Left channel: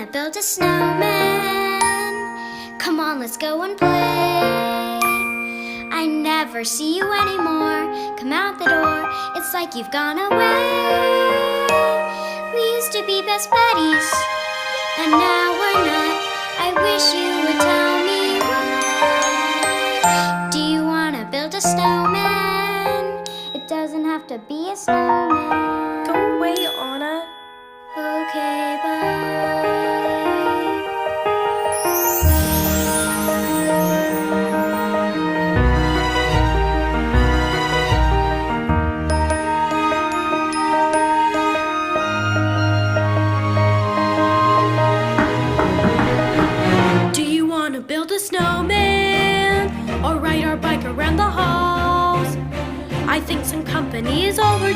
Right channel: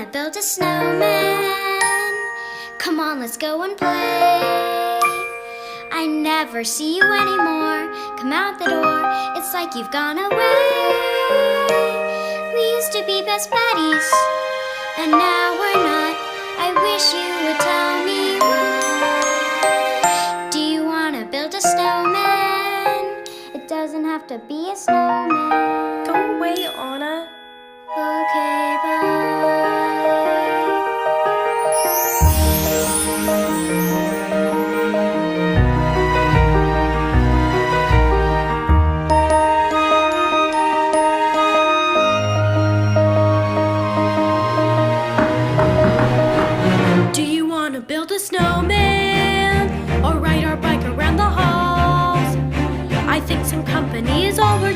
wanna build a snowman? Come on, let's go and play. I never see you anymore. Come out the door, it's like you've gone away. We used to be best buddies, and now we're not. I wish you would tell me why. Do you wanna build a snowman? It doesn't have to be a snowman. Go away, Anna. Okay, bye. Do you want to build a snowman or ride our bike around the halls? I think some company is overdue.